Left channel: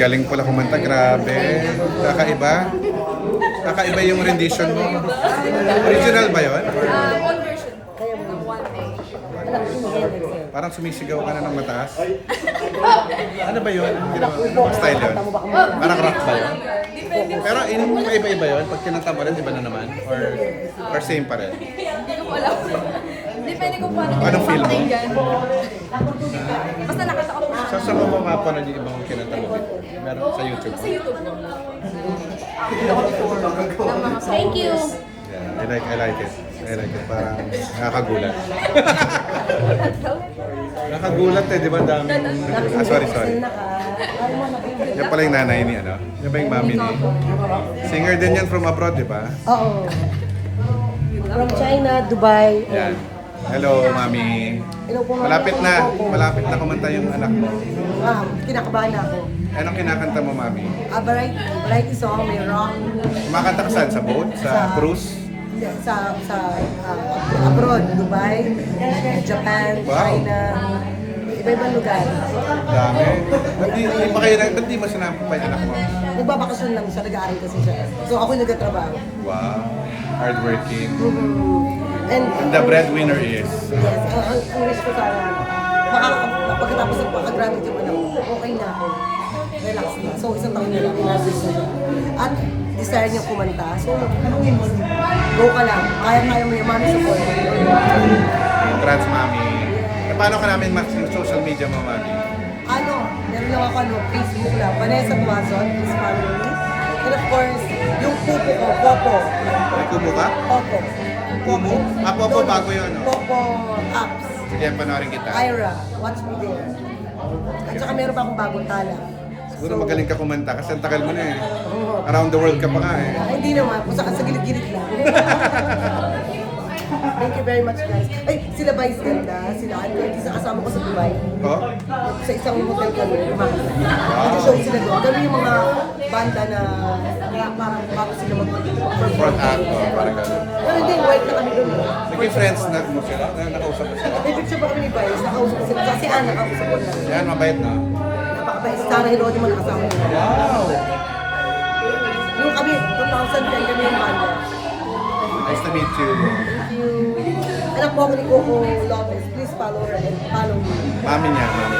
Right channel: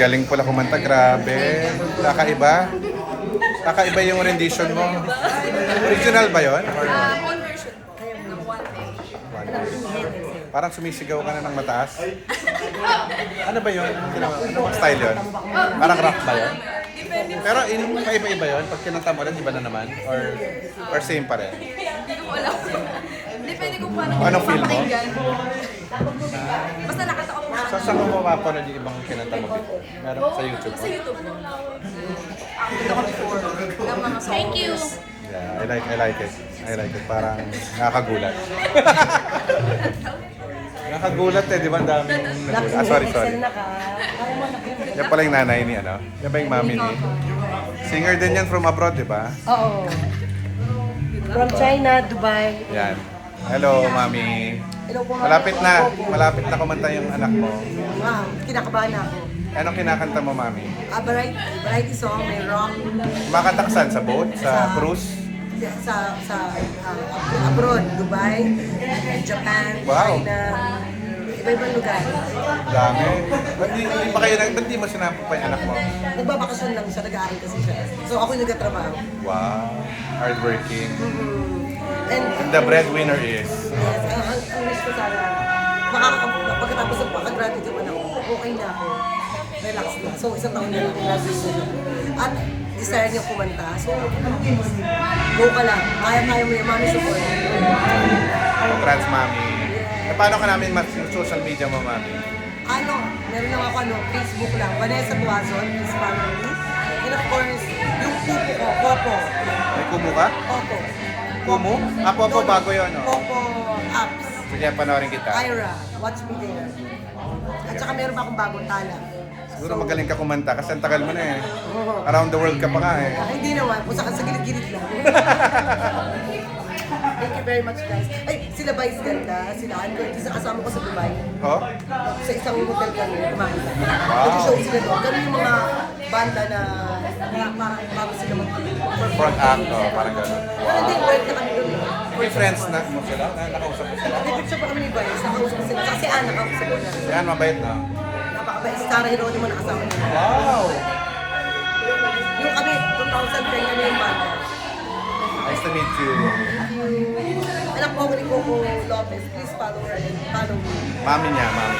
galing pala kumanta, grabe. Kakaiba. Kakaiba yung rendition mo. Original ba yun? One version po, ng 1A. Parang sumisigaw ka na ng mataas. Ano ba yun? Anong ginawa? Ano bang style yun? Parang rock ba yun? Depende po. Pero paiba-iba yun? Pag kinanta mo rin, iba na naman? Or same pa rin? Hindi ko po alam. Depende kung paano Anong feel mo? papakinggan. Basta nakita ko po siya. Saan mo mapapanood yung ibang kinanta mo before? Meron sa YouTube Sa mo? YouTube po. Nakita ko before ng mga songs. Thank you. Yeah, I like it. I like it. Parang nakakagulat. Nakakagulat eh, di ba? Ang daming nagulat. Sorry. Yan pala yung nanay ni ano? Yan ba yung mami ni? Singer din yan from abroad, di ba? Oo. From China, Dubai. Yan. Hello, mami. Hello po, ma'am. Malapit na kumanta yung anak mo. Ma'am, kinakabahan ako. Anong kinakanta mo, mami? Variety song, may rock. Kumakanta ka saan? Sa boat? Sa cruise? Sa abroad, Dubai, Japan, Wow. China, iba-ibang lugar. Dami. Ba't di mo sinampok pa yung anak mo? Nagbabakasyon lang siya, nag-aaral kasi siya. So ako yung nagtatrabaho. Wow. Hardworking. And And the breadwinner is? yes, ang wish ko sana, pagkatapos ng pagka-graduate yung anak ko, okay na ako. Relax na. So isang taon na lang, graduate na siya. At desire niya kumanta. So, go ka lang. Kaya-kaya mo yung mami support. Congrats, mami. E, paano ka namin yung social media mo, mami? Meron lang ako Facebook lang. Vanessa Tuazon, please follow me. And of course, yung pupo ko, Popo. May kubo ka? Popo. Kubo? Ah, Popo, bago yun, no? Popo apps. Sige, panoorin kita. Ira, watch me there. At saka meron pa akong bagong tala. Siguro magaling ka kumanta kasi ang tagal mo na eh. Around the world ka pa nga eh. Hindi naman, kung saan sa gilid-gilid lang. Thank you very much, guys. Ay, sila Vice ganda, sila Anko, isa kasama ko sa Dubai. Oh? Sa isang hotel kami, kumakanta. Wow. Nag-show sila doon. Ganun yung mga banda na parang bago sila mag-perform. Front act, oh, parang gano'n. Pero hindi, work na kami doon. Naging friends na mo sila? Nakausap mo sila? David siya ba kami ni Vice? Nakausap ko sila. Kasi Anna, nakausap ko na. Yan, mabait na. Napakabait. Si Sarah Heronimo nakasama niya. Wow! Yung kami, 2010 kami yung banda. Nice to meet you. Thank you. Anak po ako ni Coco Lopez. Please follow her and follow me. Mami niya, mami.